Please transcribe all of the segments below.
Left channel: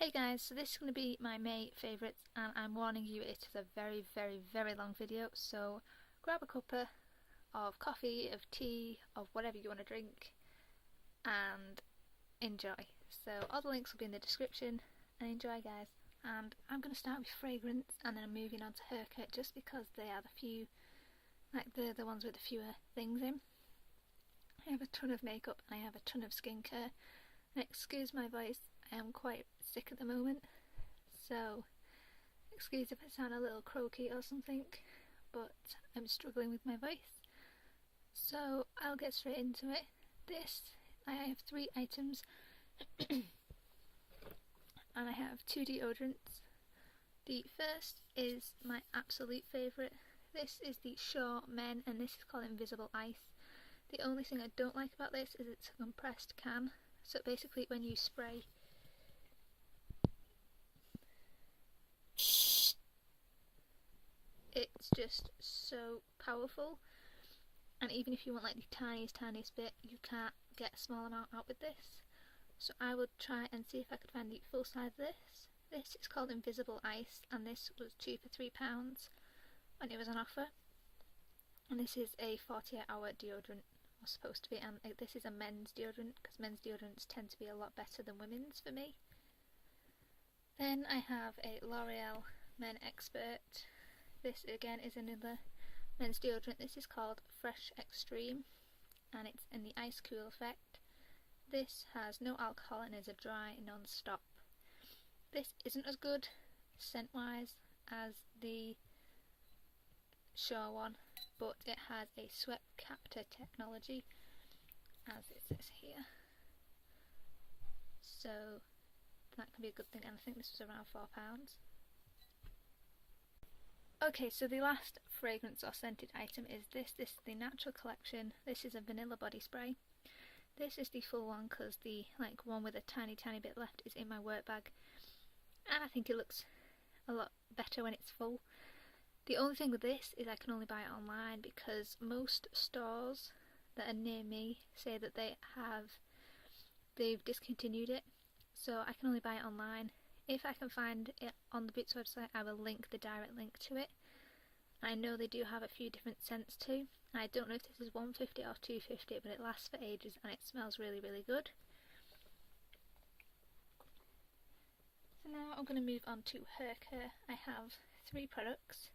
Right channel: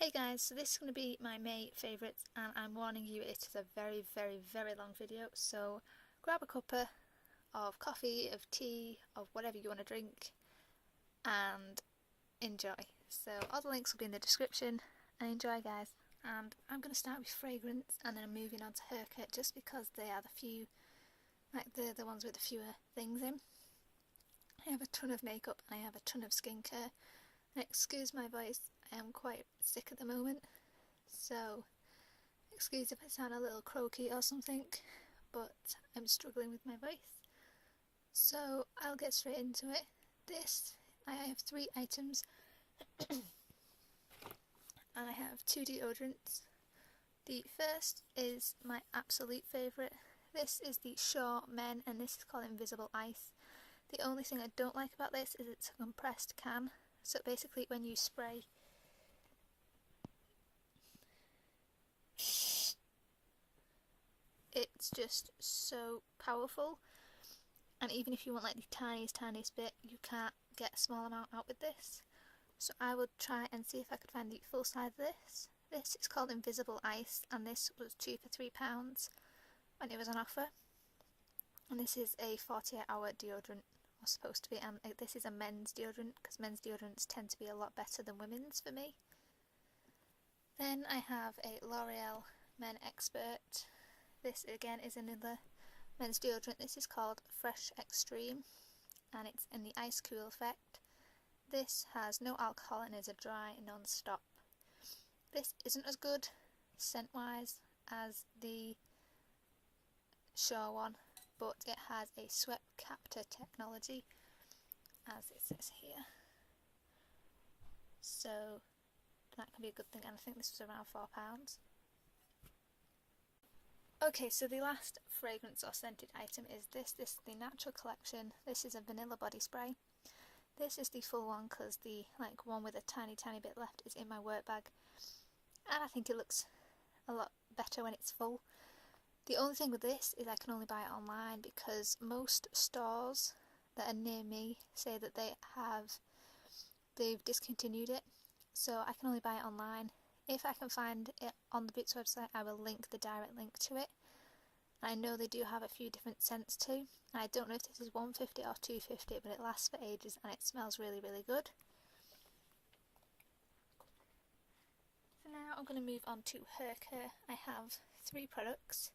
Hey guys, so this is going to be my May favourites, and I'm warning you it is a very long video, so grab a cuppa of coffee, of tea, of whatever you want to drink and enjoy. So all the links will be in the description, and enjoy guys. And I'm going to start with fragrance and then I'm moving on to haircut just because they are the few, like the ones with the fewer things in. I have a ton of makeup and I have a ton of skincare. And excuse my voice, I am quite sick at the moment, so excuse if I sound a little croaky or something, but I'm struggling with my voice. So I'll get straight into it. I have 3 items and I have 2 deodorants. The first is my absolute favourite. This is the Shaw Men and this is called Invisible Ice. The only thing I don't like about this is it's a compressed can. So basically when you spray it's just so powerful, and even if you want like the tiniest bit, you can't get a small amount out with this. So I would try and see if I could find the full size of this. This is called Invisible Ice and this was 2 for £3 when it was on offer. And this is a 48-hour deodorant, or supposed to be, and this is a men's deodorant because men's deodorants tend to be a lot better than women's for me. Then I have a L'Oreal Men Expert. This again is another men's deodorant. This is called Fresh Extreme and it's in the ice cool effect. This has no alcohol and is a dry non-stop. This isn't as good scent wise as the Shaw one, but it has a sweat capture technology as it says here, so that can be a good thing, and I think this was around £4. Okay, so the last fragrance or scented item is this is the Natural Collection. This is a vanilla body spray. This is the full one because the one with a tiny bit left is in my work bag, and I think it looks a lot better when it's full. The only thing with this is I can only buy it online because most stores that are near me say that they've discontinued it, so I can only buy it online. If I can find it on the Boots website, I will link the direct link to it. I know they do have a few different scents too. I don't know if this is 150 or 250, but it lasts for ages and it smells really good. So now I'm going to move on to hair care. I have 3 products.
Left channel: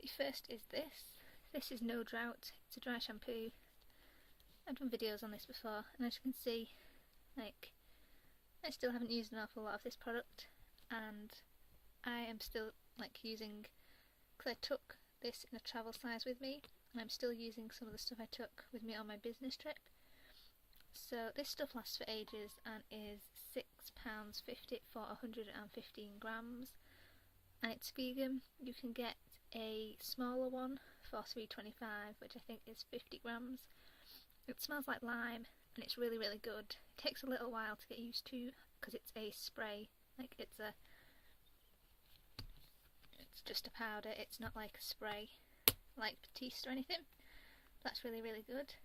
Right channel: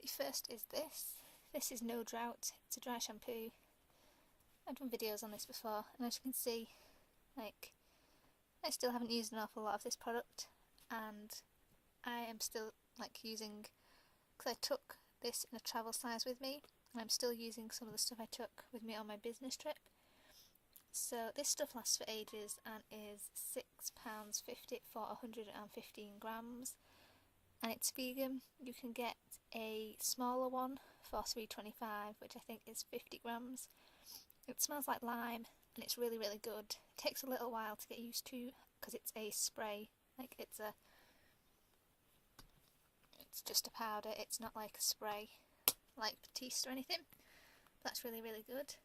The first is this. This is No Drought. It's a dry shampoo. I've done videos on this before, and as you can see, I still haven't used an awful lot of this product, and I am still using, because I took this in a travel size with me, and I'm still using some of the stuff I took with me on my business trip. So this stuff lasts for ages and is £6.50 for 115 grams, and it's vegan. You can get a smaller one for £3.25, which I think is 50 grams. It smells like lime and it's really good. It takes a little while to get used to because it's a spray, it's just a powder. It's not like a spray like Batiste or anything. That's really good.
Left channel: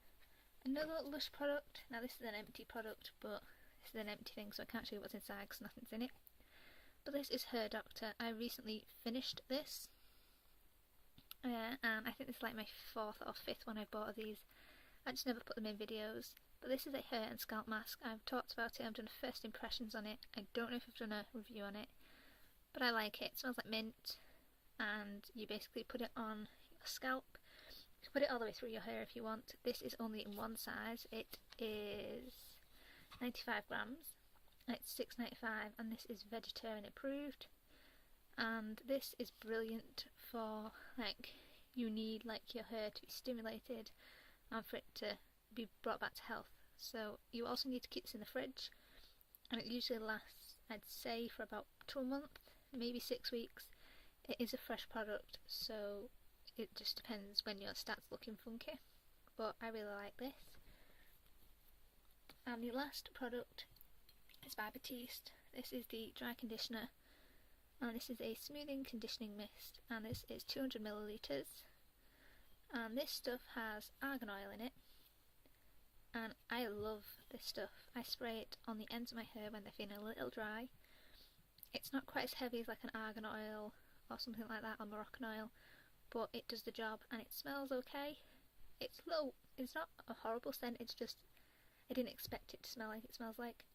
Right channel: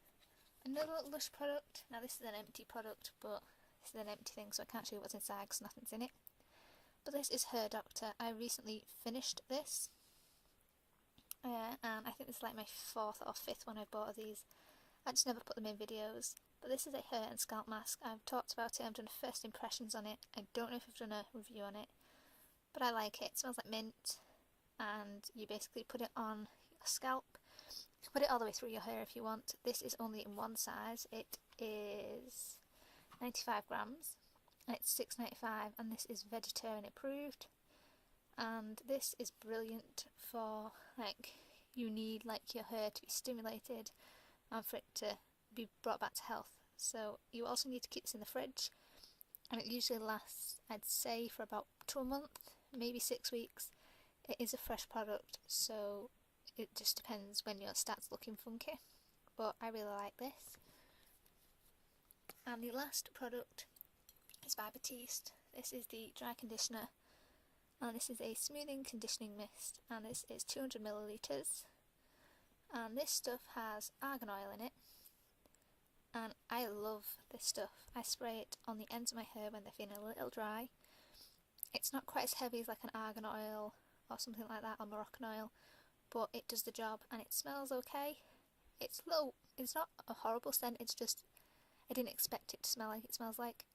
Another Lush product. Now this is an empty product, but this is an empty thing, so I can't show you what's inside because nothing's in it. But this is Her Doctor. I recently finished this, and I think this is like my 4th or 5th one I've bought of these. I just never put them in videos. But this is a hair and scalp mask. I've talked about it, I've done first impressions on it. I don't know if I've done a review on it, but I like it. It smells like mint, and you basically put it on your scalp. You can put it all the way through your hair if you want. This is only in one size. It is 95 grams. And it's £6.95, and this is vegetarian approved. And this is brilliant for you need your hair to be stimulated and for it to be brought back to health. So you also need to keep this in the fridge, and it usually lasts, I'd say, for about 2 months, maybe 6 weeks. It is a fresh product, so it just depends when yours starts looking funky, but I really like this. And the last product is by Batiste. This is the dry conditioner, and this is a smoothing conditioning mist, and this is 200 millilitres. And this stuff has argan oil in it, and I love this stuff. I spray it on the ends of my hair when they're feeling a little dry, It's not quite as heavy as like an argan oil or something like that, or Moroccan oil, but it does the job and it smells okay. It's low, it's not a horrible scent, it's just I didn't expect it to smell like it smells like.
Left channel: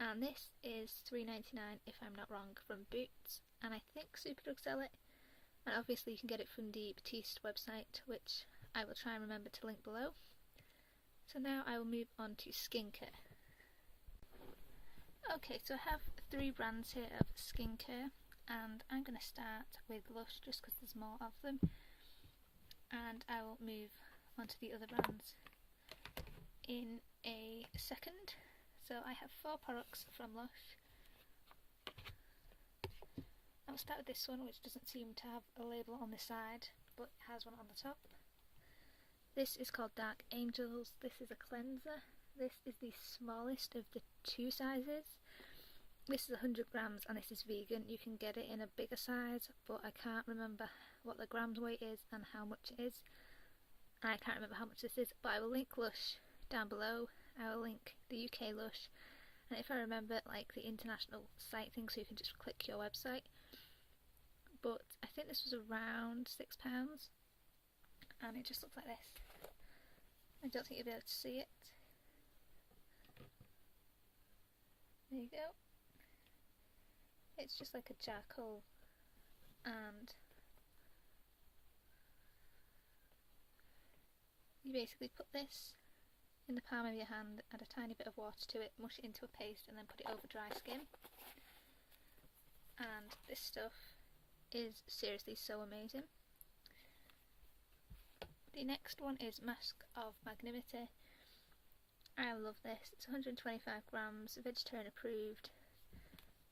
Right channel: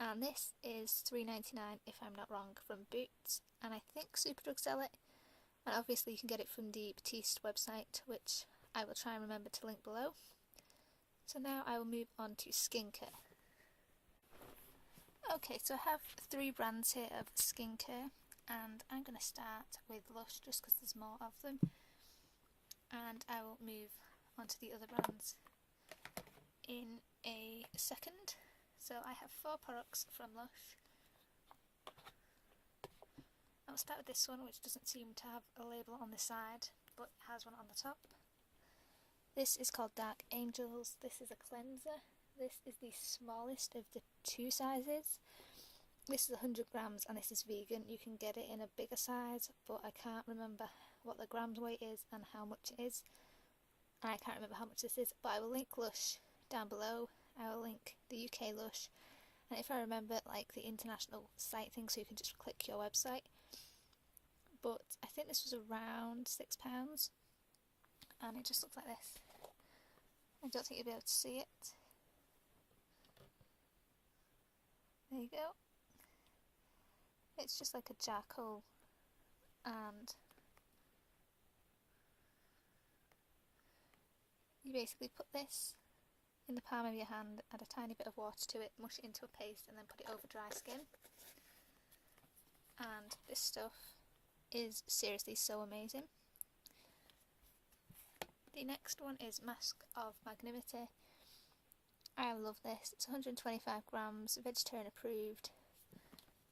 And this is $3.99 if I'm not wrong, from Boots, and I think Superdrug sell it, and obviously you can get it from the Batiste website, which I will try and remember to link below. So now I will move on to skincare. Okay, so I have 3 brands here of skincare, and I'm going to start with Lush just because there's more of them, and I will move on to the other brands in a second. So I have 4 products from Lush. I'll start with this one, which doesn't seem to have a label on the side, but it has one on the top. This is called Dark Angels. This is a cleanser. This is the smallest of the 2 sizes. This is 100 grams and this is vegan. You can get it in a bigger size, but I can't remember what the grams weight is and how much it is. And I can't remember how much this is, but I will link Lush down below. I will link the UK Lush, and if I remember, like the international site thing, so you can just click your website. But I think this was around £6, and it just looks like this. I don't think you'll be able to see it. There you go. It's just like a charcoal, and you basically put this in the palm of your hand, add a tiny bit of water to it, mush it into a paste, and then put it over dry skin. And this stuff is seriously so amazing. The next one is Mask of Magnanimity. I love this. It's 125 grams, vegetarian approved,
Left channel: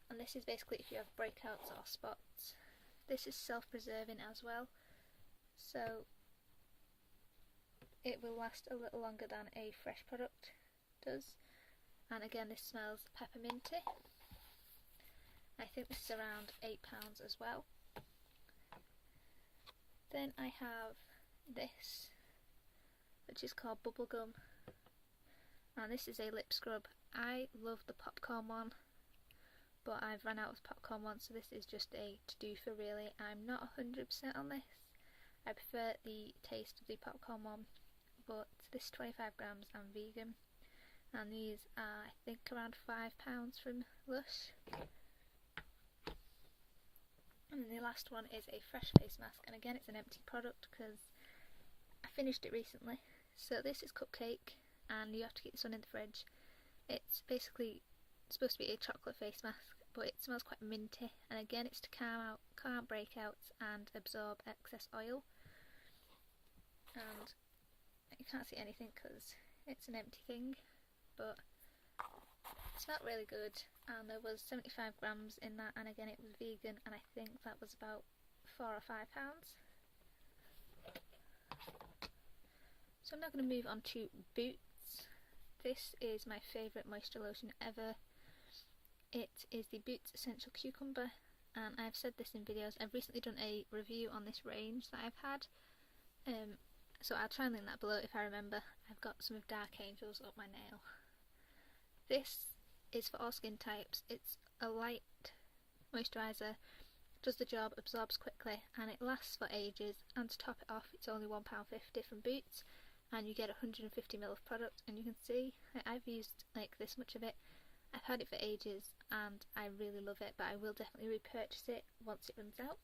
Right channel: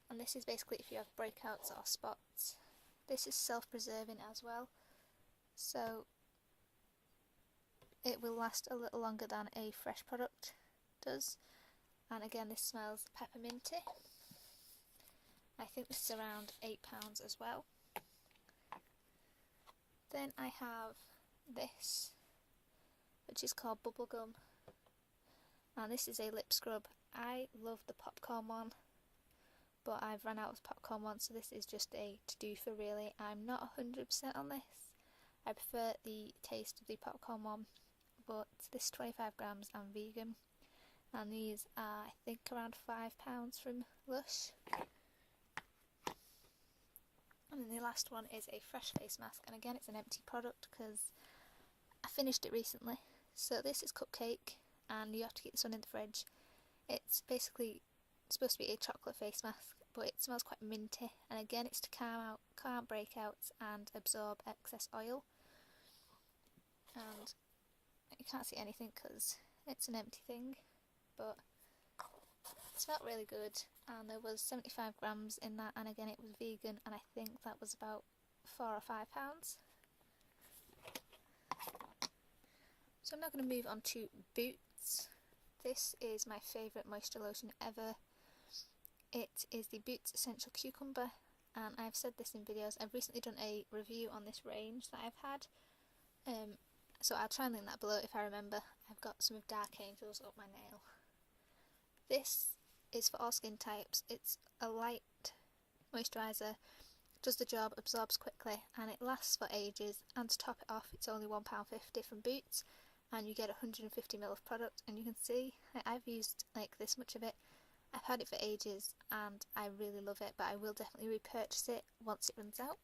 and this is basically if you have breakouts or spots. This is self-preserving as well, so it will last a little longer than a fresh product does. And again, this smells pepperminty. I think this is around £8 as well. Then I have this, which is called Bubblegum, and this is a lip scrub. I love the popcorn one, but I've run out of popcorn one, so this is just a to-do for really. I'm not 100% on this. I prefer the taste of the popcorn one, but this is 25 grams and vegan, and these are I think around £5 from Lush. And then the last one is a fresh face mask, and again it's an empty product because I finished it recently. So this is Cupcake, and you have to keep this one in the fridge. It's basically supposed to be a chocolate face mask, but it smells quite minty, and again it's to calm breakouts and absorb excess oil. And you can't see anything because it's an empty thing, but it smelled really good, and there was 75 grams in that, and again it was vegan, and I think that was about £4 or £5. So I'm now going to move on to Boots. This is my favourite moisture lotion ever. It is the Boots Essential Cucumber, and I've said this in videos. I've recently done a review on this range that I've had, so I'll try and link that below if I remember. I've got some of Dark Angels up my nail. This is for all skin types. It's a light moisturiser, does the job, absorbs quickly, and it lasts for ages. And to top it off, it's only £1.50 from Boots, and you get 150ml of product. And you can see I've used like this much of it. I've had it for ages and I really love it, but I will definitely repurchase it once it runs out.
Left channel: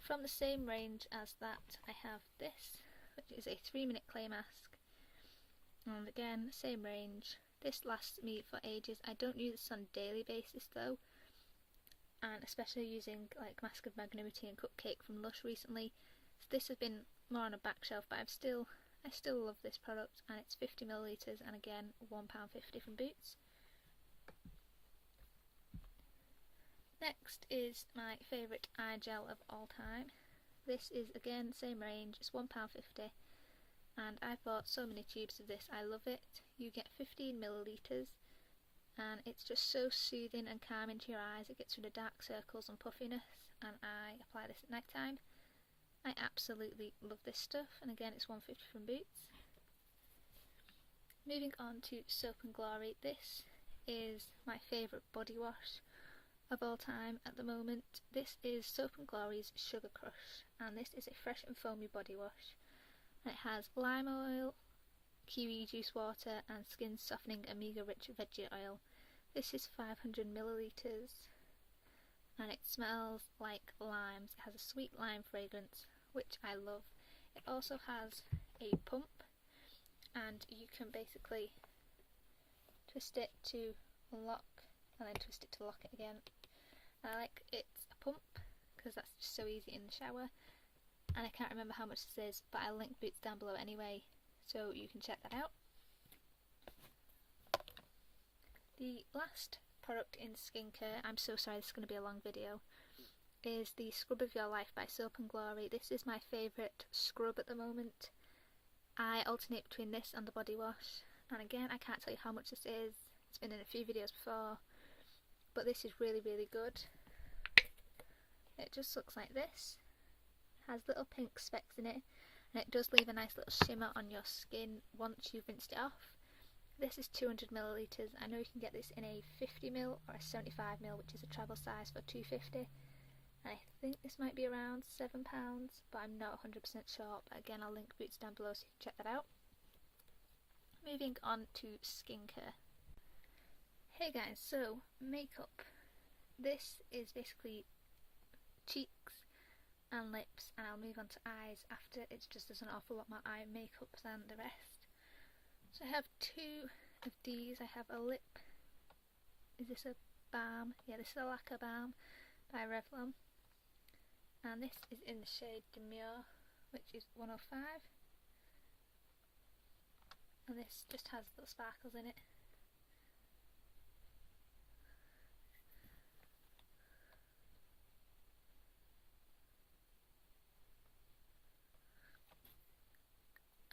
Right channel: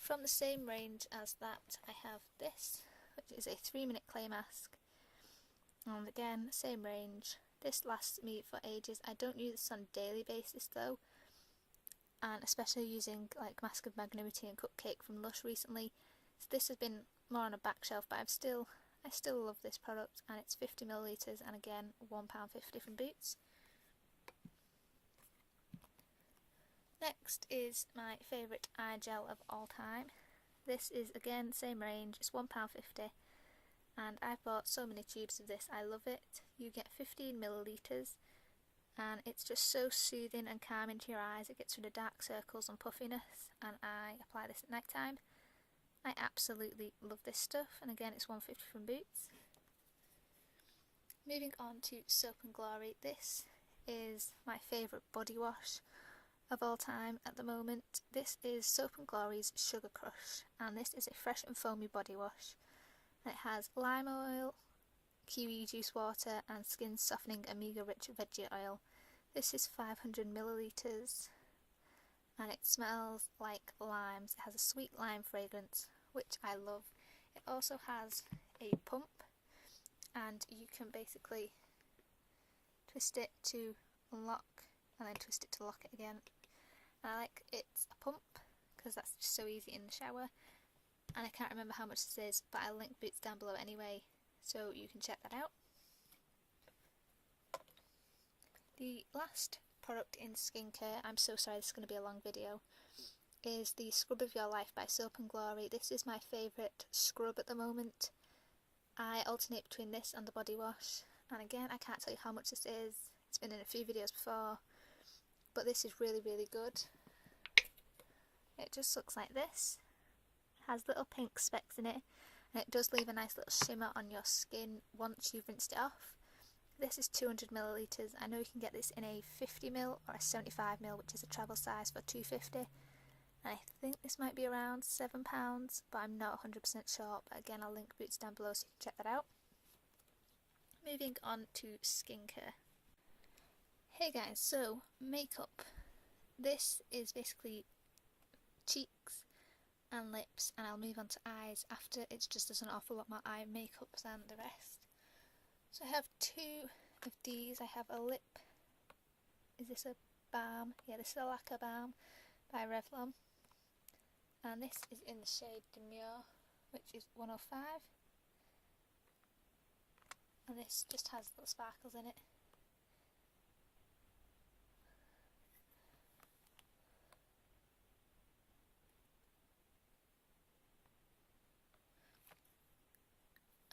From the same range as that, I have this, which is a 3-minute clay mask, and again, same range. This lasts me for ages. I don't use this on a daily basis though, and especially using like Mask of Magnanimity and Cupcake from Lush recently, so this has been more on a back shelf, but I still love this product, and it's 50ml, and again £1.50 from Boots. Next is my favourite eye gel of all time. This is again same range, it's £1.50, and I've bought so many tubes of this. I love it. You get 15ml, and it's just so soothing and calming to your eyes. It gets rid of dark circles and puffiness, and I apply this at night time. I absolutely love this stuff, and again it's £1.50 from Boots. Moving on to Soap and Glory. This is my favourite body wash of all time at the moment. This is Soap & Glory's Sugar Crush, and this is a fresh and foamy body wash. And it has lime oil, kiwi juice water and skin softening omega rich veggie oil. This is 500 millilitres and it smells like limes. It has a sweet lime fragrance, which I love. It also has a pump, and you can basically twist it to unlock and then twist it to lock it again. And I like it's a pump because that's just so easy in the shower, and I can't remember how much this is, but I'll link Boots down below anyway, so you can check that out. The last product in skincare, I'm so sorry this is going to be a long video, is the Scrub of Your Life by Soap & Glory. This is my favourite scrub at the moment. I alternate between this and the body wash, and again I can't tell you how much this is. It's been in a few videos before, but this is really good. It just looks like this. It has little pink specks in it, and it does leave a nice little shimmer on your skin once you've rinsed it off. This is 200 millilitres. I know you can get this in a 50ml or a 75ml, which is a travel size, for £2.50. I think this might be around £7, but I'm not 100% sure. But again, I'll link Boots down below so you can check that out. Moving on to skincare. Hey guys, so makeup. This is basically cheeks and lips, and I'll move on to eyes after. It's just there's an awful lot more eye makeup than the rest. So I have two of these. I have a lip. Is this a balm? Yeah, this is a lacquer balm by Revlon. And this is in the shade Demure, which is 105. And this just has little sparkles in it.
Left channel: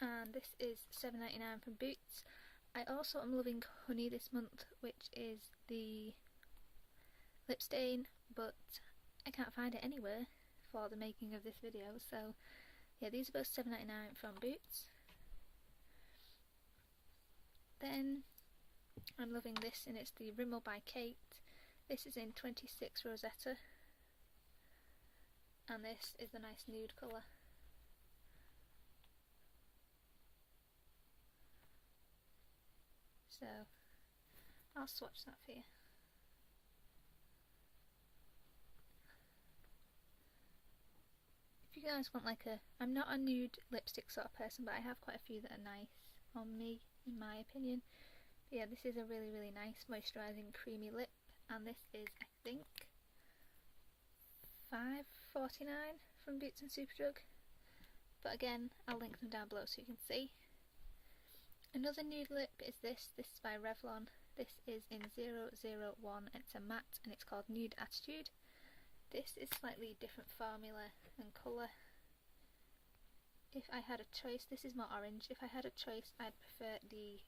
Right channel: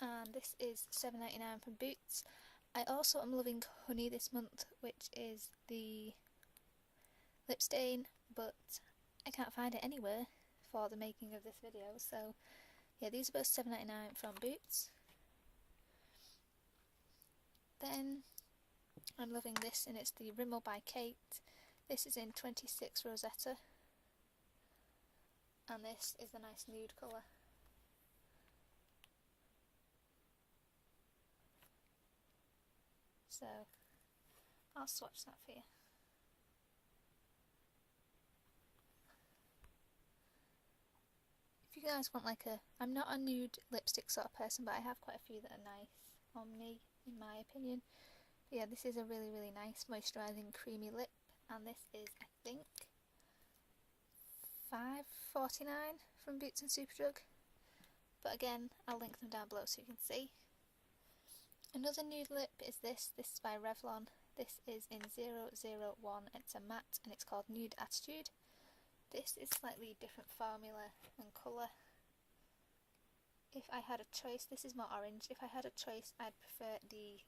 And this is £7.99 from Boots. I also am loving Honey this month, which is the lip stain, but I can't find it anywhere for the making of this video, so yeah, these are both £7.99 from Boots. Then I'm loving this, and it's the Rimmel by Kate. This is in 26 Rosetta, and this is the nice nude colour. So I'll swatch that for you. If you guys want like I'm not a nude lipstick sort of person, but I have quite a few that are nice on me, in my opinion. But yeah, this is a really nice moisturising creamy lip, and this is, I think, £5.49 from Boots and Superdrug. But again, I'll link them down below so you can see. Another nude lip is this. This is by Revlon. This is in 001. It's a matte and it's called Nude Attitude. This is slightly different formula and colour. If I had a choice, this is more orange. If I had a choice, I'd prefer the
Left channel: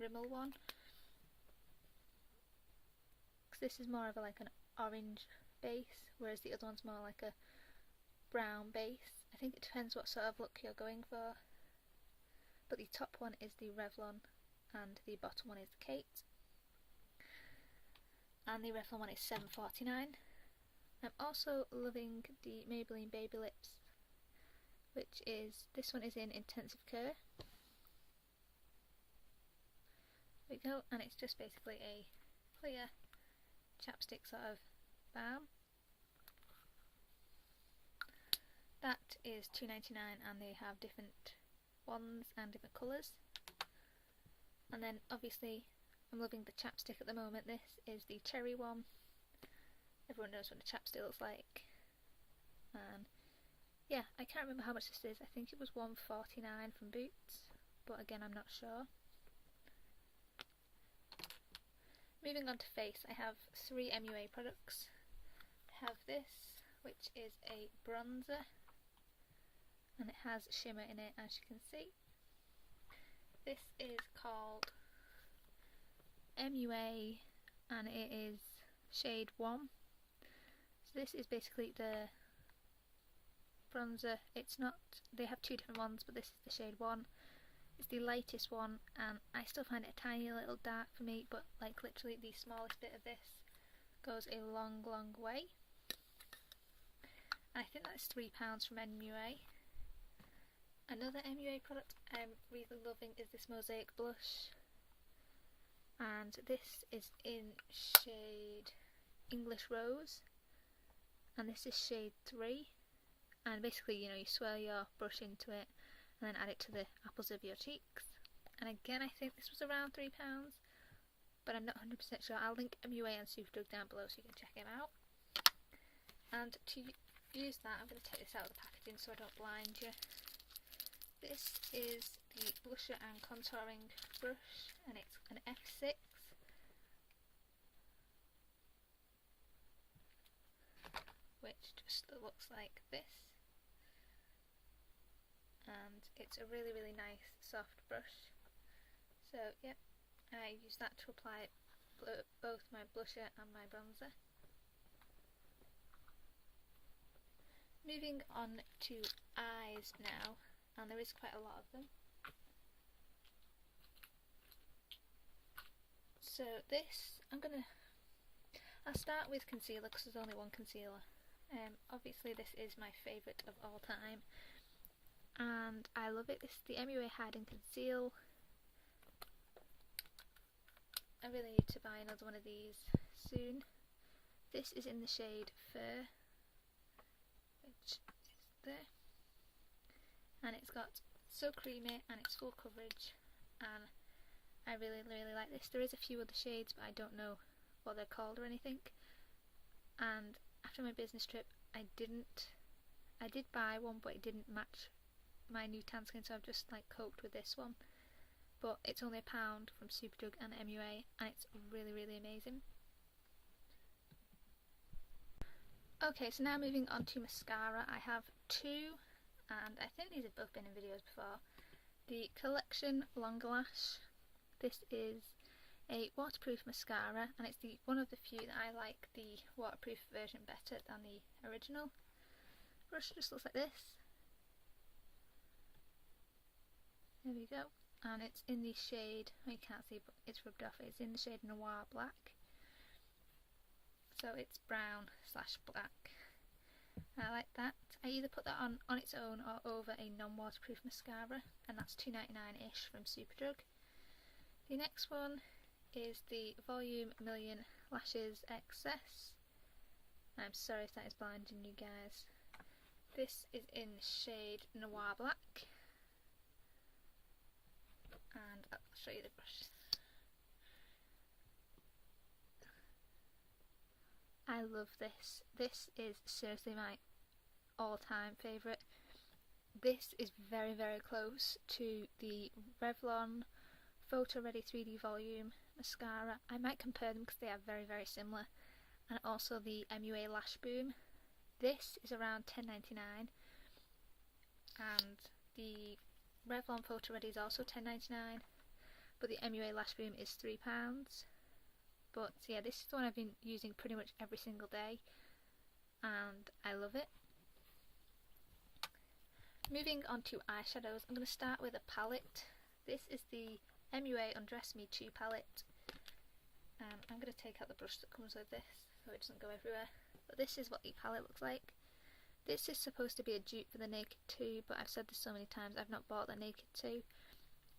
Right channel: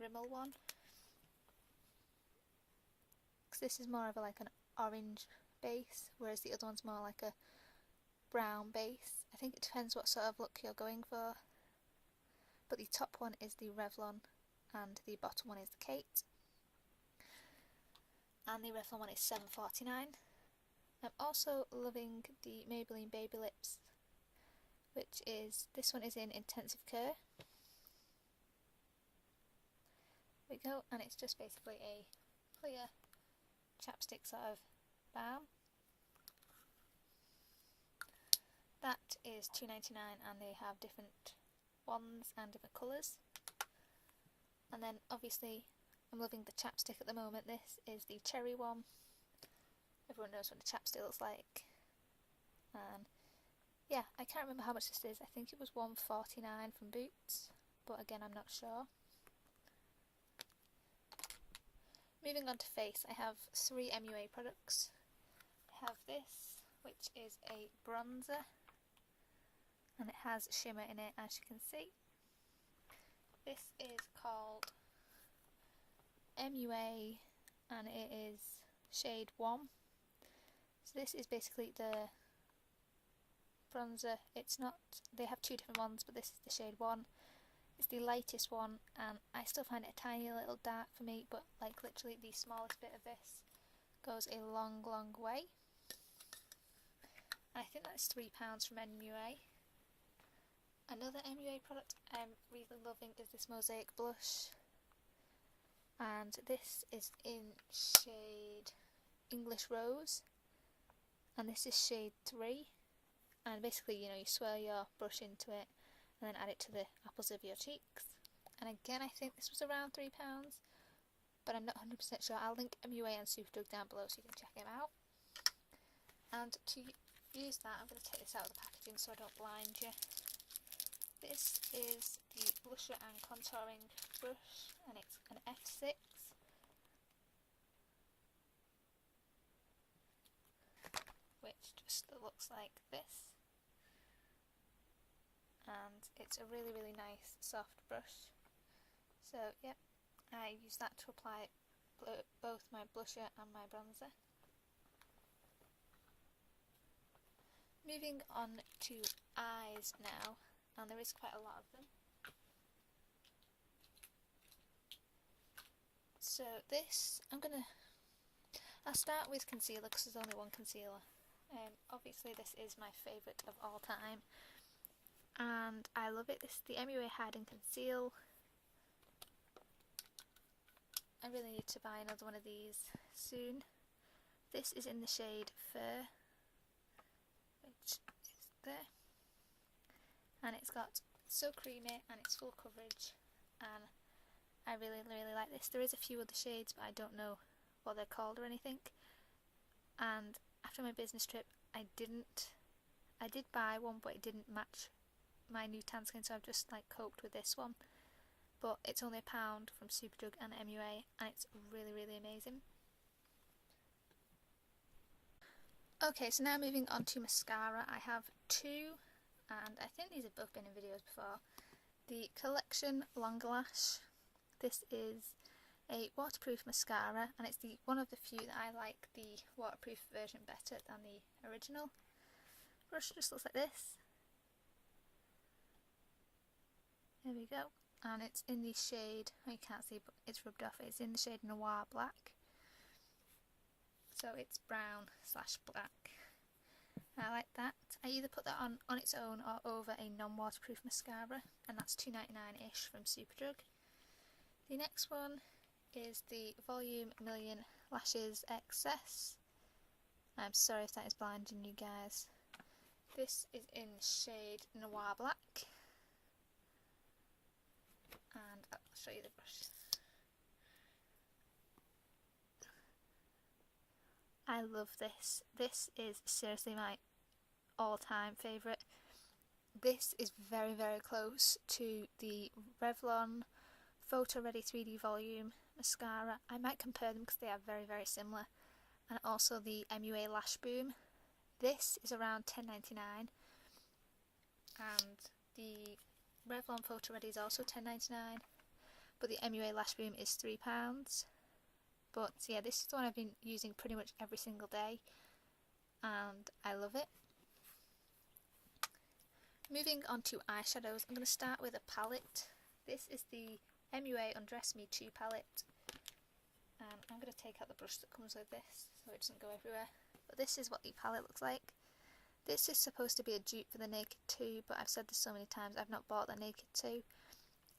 Rimmel one, because this is more of like an orange base, whereas the other one's more like a brown base. I think it depends what sort of look you're going for. But the top one is the Revlon and the bottom one is the Kate. And the Revlon one is £7.49. I'm also loving the Maybelline Baby Lips, which is, this one is in Intensive Care. There we go, and it's just basically a clear chapstick sort of balm. That is £2.99, and they have different ones and different colours. And then obviously I'm loving the chapstick at the moment. This is the cherry one. Everyone knows what a chapstick looks like. And yeah, I can't remember how much this is. I think it was £1.49 from Boots, but again I'm not sure. Moving on to face, I have 3 MUA products. I have this, which is a bronzer, and it has shimmer in it, as you can see. This is called MUA, and it is shade 1. So this is basically the bronzer. It's not, they have 2 different ones, but this is the shade 1. It's the lightest one, and I still find it a tiny little dark for me, but like literally the smallest bit of this goes a long, long way. And I think that's £3 from MUA. Another MUA product I'm really loving is this Mosaic blush, and this is in shade English Rose, and this is shade 3. And basically, you know, you swirl your brush into it and then add it to the apples of your cheeks. And again, I think this was around £3, but I'm not 100% sure. I'll link MUA and Superdrug down below so you can check it out. And to use that, I'm going to take this out of the packaging so I don't blind you. This is the blusher and contouring brush, and it's an F6. Which just looks like this. And it's a really, really nice soft brush. So yeah, I use that to apply both my blusher and my bronzer. Moving on to eyes now, and there is quite a lot of them. So this, I'll start with concealer because there's only one concealer. Obviously this is my favourite of all time, and I love it. This is the MUA Hide and Conceal. I really need to buy another one of these soon. This is in the shade Fur, which is there, and it's got so creamy and it's full coverage, and I really, really like this. There is a few other shades, but I don't know what they're called or anything. And after my business trip, I did buy one, but it didn't match my new tan skin, so I've just like coped with this one. But it's only £1 from Superdrug and MUA, and it's really, really amazing. Okay, so now moving on to mascara. I have two, and I think these have both been in videos before. The Collection Longer Lash. This is a waterproof mascara, and it's one of the few that I like the waterproof version better than the original. Brush just looks like this. There we go. And it's in the shade, well, you can't see, but it's rubbed off. It's in the shade Noir Black. So it's brown / black. I like that. I either put that on its own or over a non-waterproof mascara, and that's £2.99ish from Superdrug. The next one is the Volume Million Lashes Excess. I'm sorry if that is blinding you guys. This is in shade Noir Black. And I'll show you the brush. I love this. This is seriously my all-time favourite. This is very, very close to the Revlon Photo Ready 3D Volume mascara. I might compare them because they are very, very similar. And also the MUA Lash Boom. This is around £10.99, and the Revlon Photo Ready is also £10.99, but the MUA Lash Boom is £3. But yeah, this is the one I've been using pretty much every single day, and I love it. Moving on to eyeshadows, I'm going to start with a palette. This is the MUA Undress Me 2 palette, and I'm going to take out the brush that comes with this so it doesn't go everywhere. But this is what the palette looks like. This is supposed to be a dupe for the Naked 2, but I've said this so many times, I've not bought the Naked 2.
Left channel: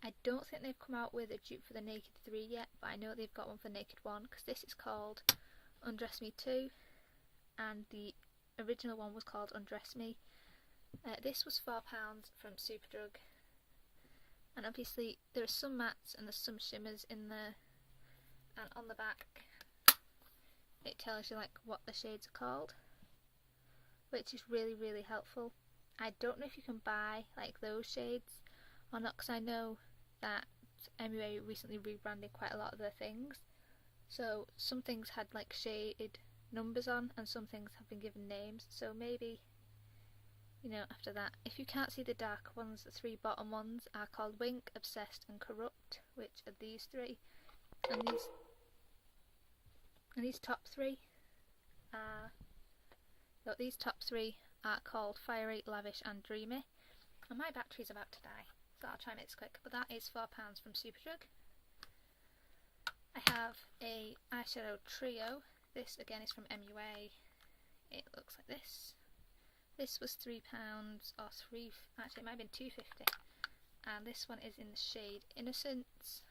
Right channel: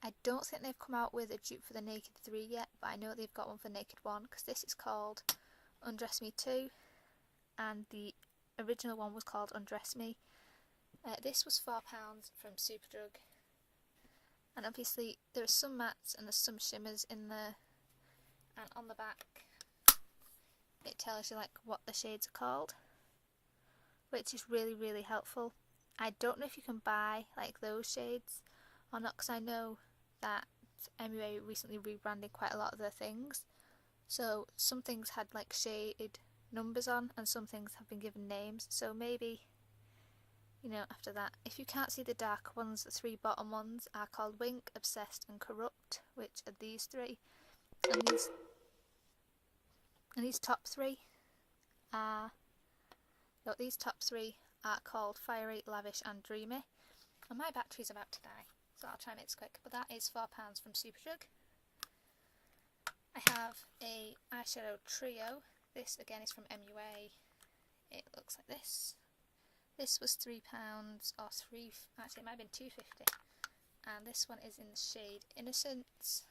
I don't think they've come out with a dupe for the Naked 3 yet, but I know they've got one for Naked 1, because this is called Undress Me 2, and the original one was called Undress Me. This was £4 from Superdrug, and obviously there are some mattes and there's some shimmers in there, and on the back it tells you like what the shades are called, which is really, really helpful. I don't know if you can buy like those shades or not, because I know that MUA recently rebranded quite a lot of their things, so some things had like shaded numbers on and some things have been given names, so maybe, you know, after that. If you can't see the dark ones, the three bottom ones are called Wink, Obsessed and Corrupt, which are these three, and these top three are called Fiery, Lavish and Dreamy. And my battery's about to die, so I'll try and make this quick, but that is £4 from Superdrug. I have a eyeshadow trio. This again is from MUA. It looks like this. This was £3 or actually it might have been £2.50, and this one is in the shade Innocence.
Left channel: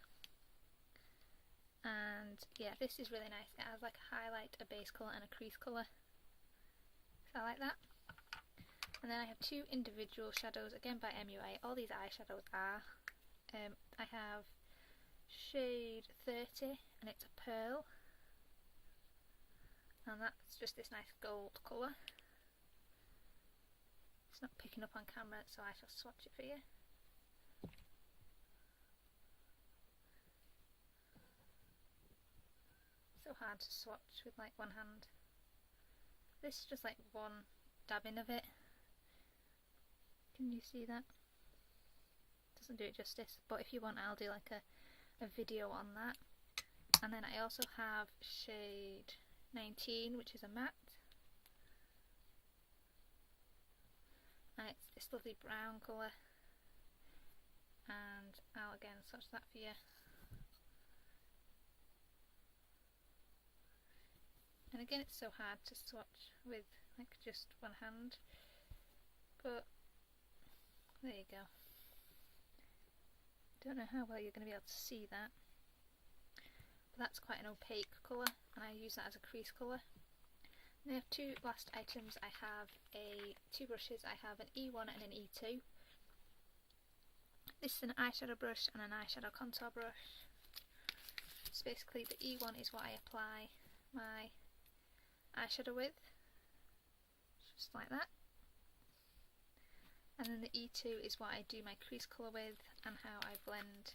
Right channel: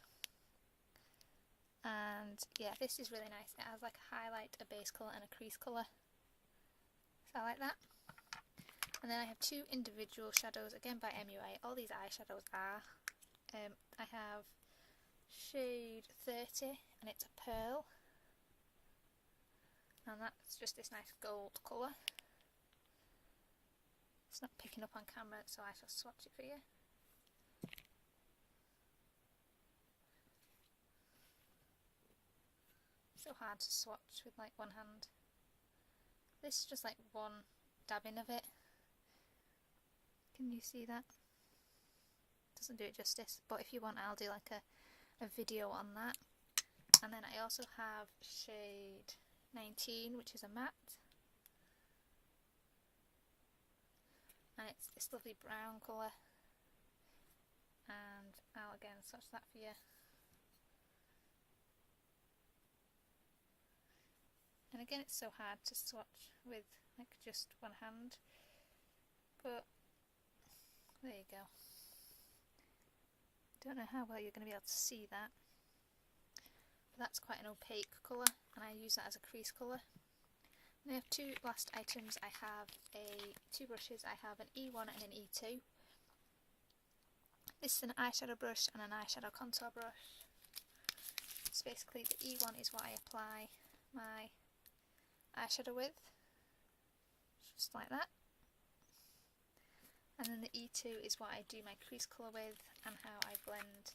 And yeah, this is really nice. It has like a highlight, a base colour and a crease colour, so I like that. And then I have two individual shadows, again by MUA. All these eyeshadows are. I have shade 30 and it's a pearl, and that's just this nice gold colour. It's not picking up on camera, so I shall swatch it for you. So hard to swatch with like one hand. This is just like one dabbing of it. Can you see that? Doesn't do it justice, but if you want I'll do like a video on that. And then I also have shade 19, which is a matte, and it's this lovely brown colour, and I'll again swatch that for you. And again, it's so hard to swatch with like just one hand, but there you go. Don't know how well you're going to be able to see that, but that's quite an opaque colour, and I use that as a crease colour. And I have two last items. I have two brushes. I have an E1 and an E2. This is an eyeshadow brush and an eyeshadow contour brush. So basically the E1 is what I apply my eyeshadow with, just like that. And then the E2 is what I do my crease colour with and how I blend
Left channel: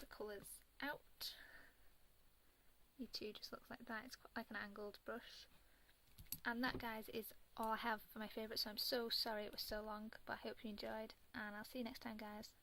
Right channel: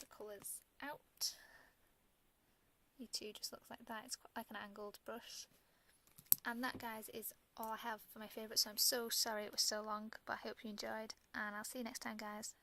the colours out. E2 just looks like that. It's like an angled brush. And that, guys, is all I have for my favourites, so I'm so sorry it was so long, but I hope you enjoyed, and I'll see you next time, guys.